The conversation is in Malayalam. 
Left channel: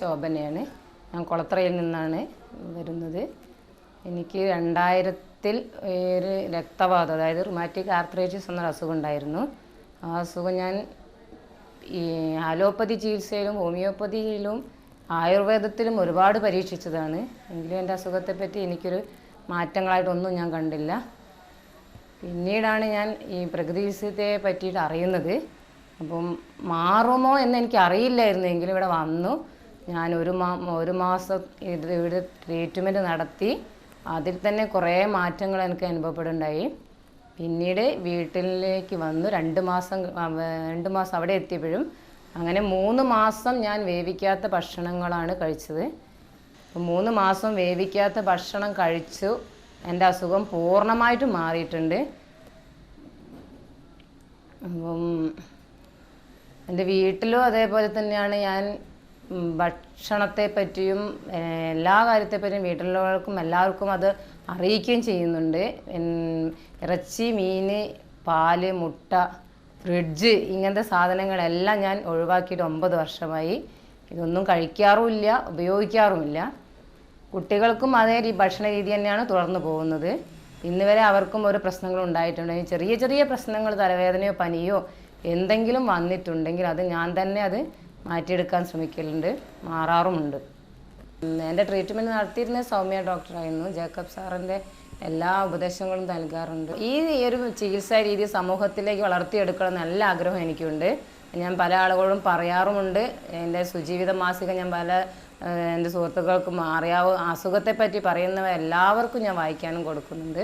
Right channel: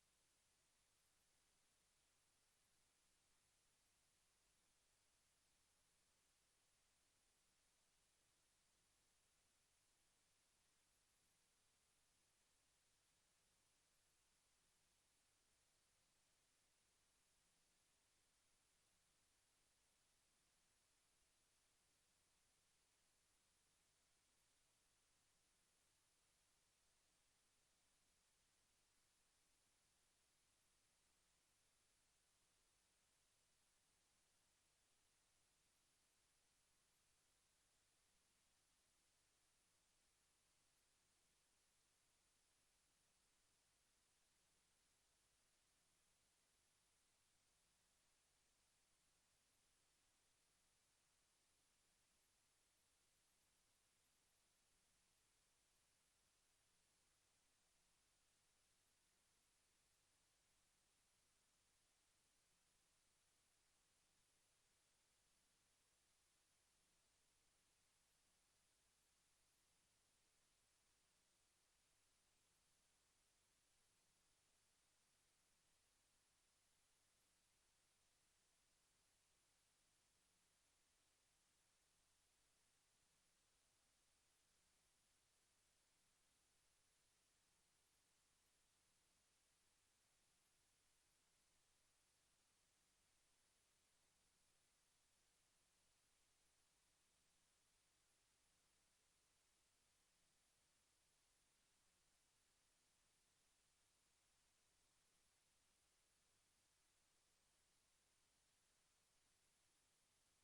ശോഭനയാണ്. ഞാൻ കുളത്തറയിൽ നിന്നാണ് വരുന്നത്. എനിക്ക് 2000-ൽ ഒരു രക്തവാതം, അതായത് റുമാറ്റിക് ആർത്രൈറ്റിസ് എന്നൊരു അസുഖം ഉണ്ടായിരുന്നു. ആ അസുഖം ഞാൻ ഈ അലോപ്പതി ചികിത്സയിലും ഹോമിയോപ്പതിയിലും ആയുർവേദത്തിലും ഒരുപാട് പരീക്ഷിച്ചതാണ്. എങ്കിലും എൻ്റെ അസുഖത്തെപ്പറ്റി എനിക്കൊരു മാറ്റങ്ങളായിട്ടൊന്നും ഞാൻ കണ്ടില്ല. പിന്നീടാണ് ഞാൻ ഈ പ്രകൃതി ചികിത്സയെ പറ്റിയിട്ട് അറിയുന്നത്. അപ്പം മാറുമോ എന്ന് എനിക്ക് അറിയില്ലായിരുന്നെങ്കിലും ഇവിടെ വന്നു ഞാൻ ഒരു മാസം ഇവിടെ ട്രീറ്റ്മെൻറ്റ് നടത്തി. അതിൽ തന്നെ കുറേ മാറ്റങ്ങൾ എനിക്ക് അനുഭവപ്പെടുന്നുണ്ടായി. പിന്നീട് വീട്ടിലേക്ക് വന്നു 2 മാസം അവിടെ എത്തിയപ്പോഴും അങ്ങനെ 3 മാസം ഞാൻ വേവിക്കാത്ത ഭക്ഷണങ്ങളാണ് കഴിച്ചത്. 3 മാസം വേവിക്കാത്ത ഭക്ഷണം കഴിച്ചു. എൻ്റെ അസുഖം പൂർണ്ണമായിട്ടും മാറിയിട്ടുണ്ട്. അപ്പം എൻ്റെ വീട്ടിലും അതേപോലെ തന്നെയാണ്. ഞാൻ ഭക്ഷണത്തെ പറ്റിയും എല്ലാ കാര്യത്തെപ്പറ്റിയും വീട്ടിലുള്ളവർക്കും എല്ലാവർക്കും അത് അറിയിക്കുകയും ചെയ്യുന്നുണ്ട്. ഇറച്ചി, മീൻ, പാല്, മുട്ട, ഫ്രിഡ്ജ് ഇങ്ങനത്തെ സാധനങ്ങളെല്ലാം ഞാൻ ഒഴിവാക്കിയിട്ട് 9 വർഷമായി. ഇതൊന്നും കഴിക്കാറുമില്ല, ഉപയോഗിക്കാറുമില്ല. കുട്ടികൾക്കും അതേ ഭക്ഷണ രീതി തന്നെയാണ് തുടർന്ന് പോകുന്നത്. ഇന്ന് വരെ അവർക്കും ഒരു പ്രശ്നങ്ങളും ഉണ്ടായിട്ടുണ്ട്. ചെറിയ ചെറിയ പ്രശ്നങ്ങൾ, തലവേദനയോ പനിയോ എന്തെങ്കിലും വന്നിട്ടുണ്ടെങ്കിൽ അത് ഞാൻ തന്നെ അത് മാറ്റിയെടുക്കാൻ ശ്രമിക്കലുണ്ട്, മാറാറുമുണ്ട്. എൻ്റെ ട്രീറ്റ്മെൻറ്റ് നടത്തിയിരുന്ന സൗമ്യ ഡോക്ടറായിരുന്നു. ജേക്കബ് സാറിൻ്റെ എല്ലാ ഉപദേശങ്ങളും നൽകാറുണ്ട്. ഈ ഒരു ചികിത്സാ രീതി സമൂഹത്തിലേക്ക് വളർത്തിയെടുക്കണം നല്ല ആഗ്രഹം എനിക്കുണ്ട്. ഞാൻ പല ആളുകളോടും പറയാറുമുണ്ട്. എൻ്റെ സുജീവിത മാസിക ഞാൻ എൻ്റെ സുഹൃത്തുക്കൾക്കും അസുഖത്തെപ്പറ്റി പറയുന്നവ എല്ലാവർക്കും ഞാൻ വായിക്കാനും കൊടുക്കുന്നുണ്ട്.